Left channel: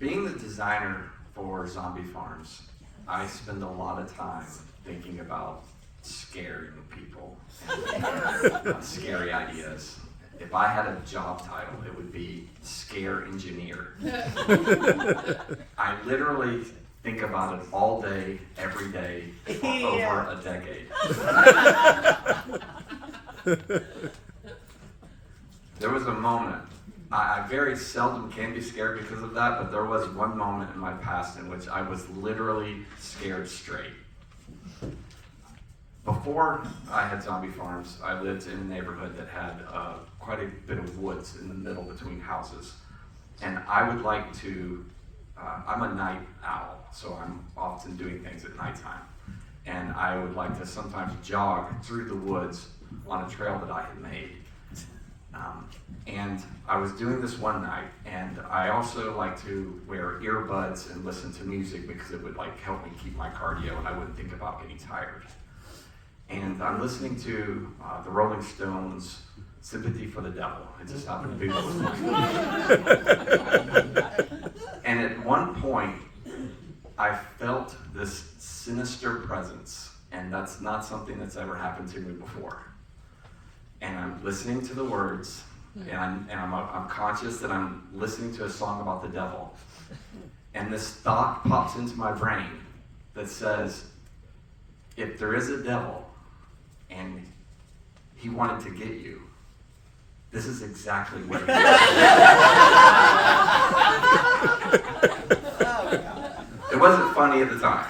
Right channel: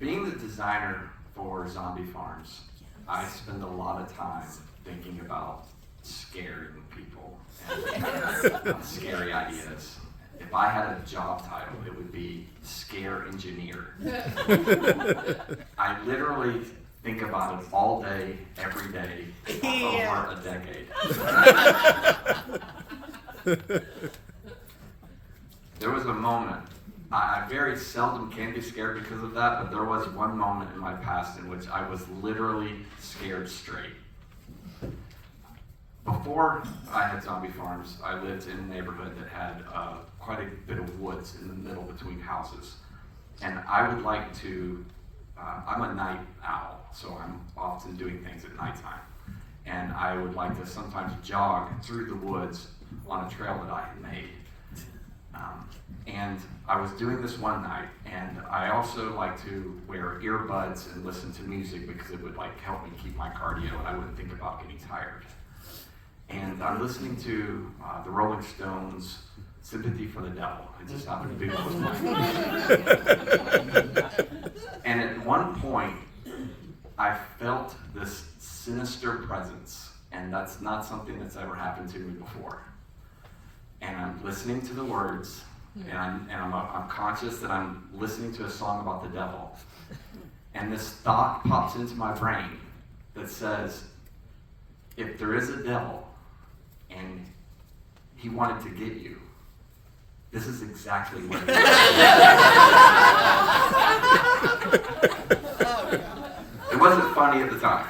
Being the designer for zombie farms, I spend a lot of time thinking about scaring people and scary ideas. If I had a job title, it would be scare engineer. I literally think about it all day, every day, for over a decade. There was a moment, I very seldom can be scared because of that, but there was one moment in my past in which I was literally scared straight. Before I had zombie farms, I lived in a neighborhood that had quite a bit of woods in the middle between houses. And I would like to, I'm a night owl, so I'm often doing things at nighttime. And I would like to sometimes jog through the woods on a trail that I had made. And I was doing this one night, and I also like to wear earbuds and listen to music because it would help me keep my cardio and I wouldn't think about getting tired. And I'm listening to the Rolling Stones' Sympathy for the Devil. It just happened to be what was playing. And at one point, I felt this sinister presence, and that's not something that's ever happened to me before. And I'm listening to the words, and I'm conscious that I'm listening to a song about the devil. And this thought pops into my brain that says, if there is a devil and he wanted to get you, this is exactly what he did. It wasn't funny at the time.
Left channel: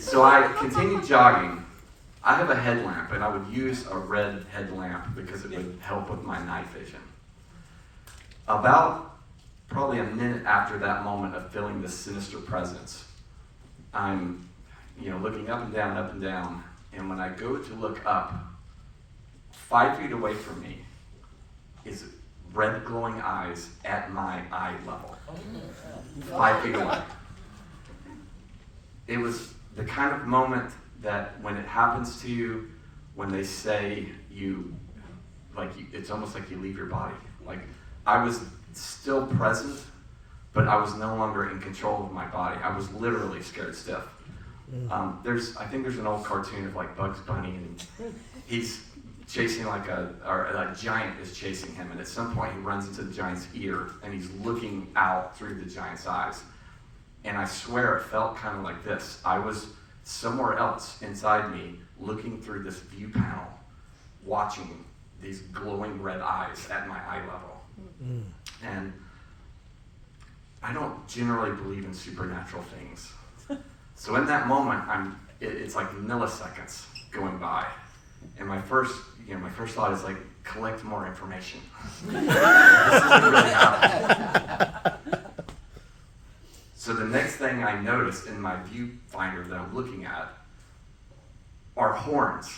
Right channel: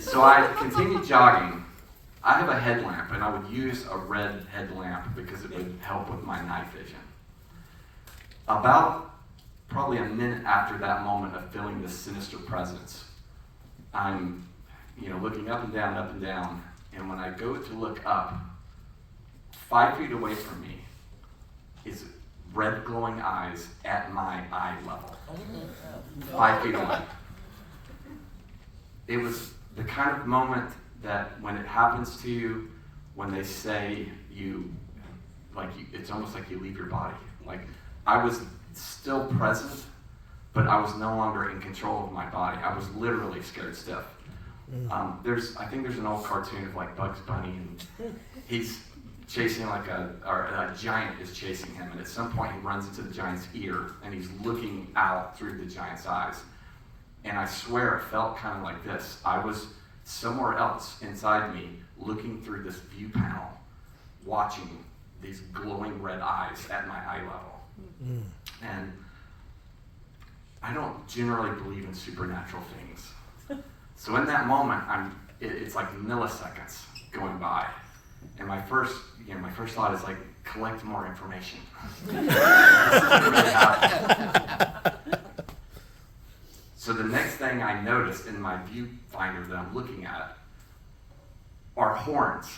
So I continued jogging. I have a headlamp, and I would use a red headlamp because it would help with my night vision. About probably a minute after that moment of feeling this sinister presence, I'm looking up and down, and when I go to look up, 5 feet away from me is red glowing eyes at my eye level. 5 feet away. It was the kind of moment that when it happens to you, when they say it's almost like you leave your body. Like, I was still present, but I was no longer in control of my body. I was literally scared stiff. I think there's an old cartoon of Bugs Bunny, and he's chasing a giant is chasing him, and at some point he runs into the giant's ear, and he's looking out through the giant's eyes. And I swear it felt kind of like this. I was somewhere else inside me, looking through this view panel, watching these glowing red eyes at my eye level. And I don't generally believe in supernatural things. So in that moment, it's like milliseconds going by. And my first thought is collect more information. So the next thing I noticed in my viewfinder that I'm looking at are horns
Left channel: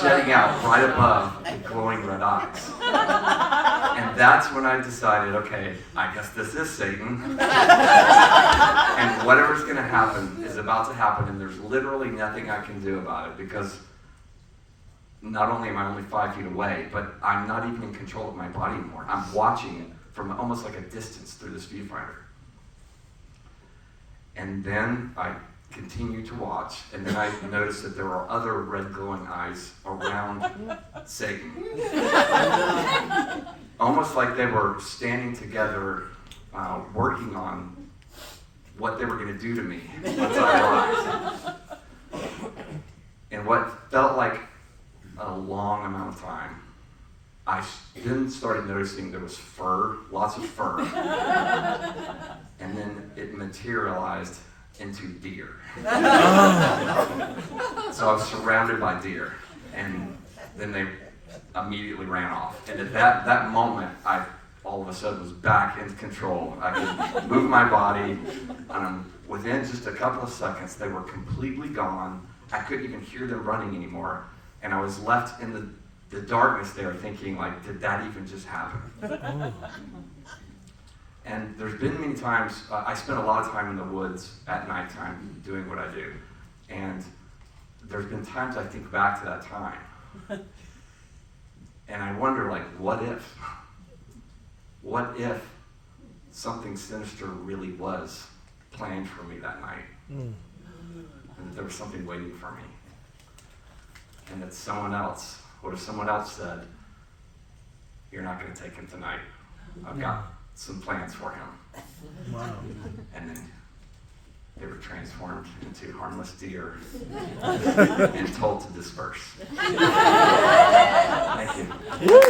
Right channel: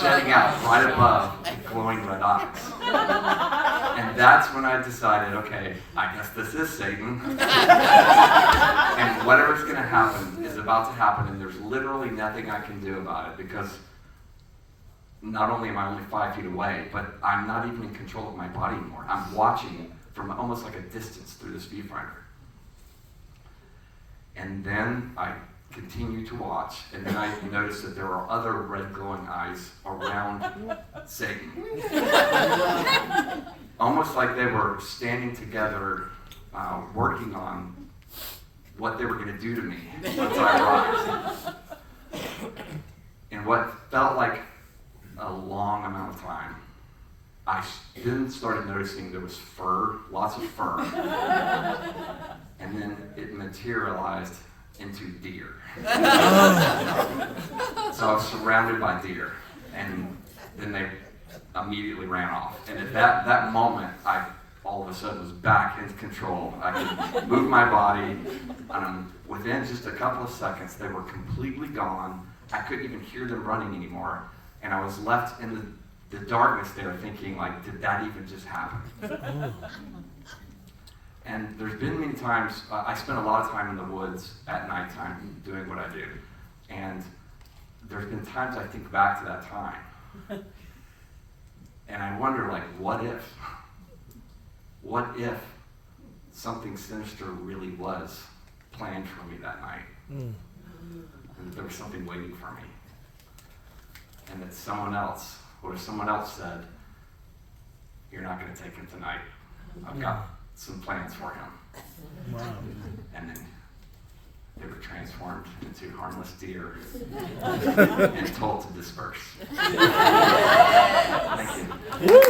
jetting out right above the glowing red eyes. And that's when I decided, okay, I guess this is Satan. And whatever's going to happen is about to happen, and there's literally nothing I can do about it, because not only am I only 5 feet away, but I'm not even in control of my body anymore. I'm watching it from almost like a distance through this viewfinder. And then I continued to watch, and then I noticed that there are other red glowing eyes around Satan. Almost like they were standing together, working on what they were going to do to me once I arrived. And what felt like a long amount of time, I then started noticing there was fur, lots of fur. And then it materialized into deer. So I was surrounded by deer, and then they immediately ran off. And at that moment, I all of a sudden was back into control. I could move my body. Within just a couple of seconds, they were completely gone. I couldn't even hear them running anymore. And I was left in the darkness there thinking, did that even just happen? And there's been many times, I spent a lot of time in the woods at nighttime doing what I do. And there's been times I think back to that time. And I wonder, what if? What if something sinister really was planned for me that night. And that there was something waiting for me. And that someone else, or someone else said, you're not going to take him tonight. I've got some plans for him. Wow. And then they were transformed into harmless deer and told to disperse. Thank you. Woo!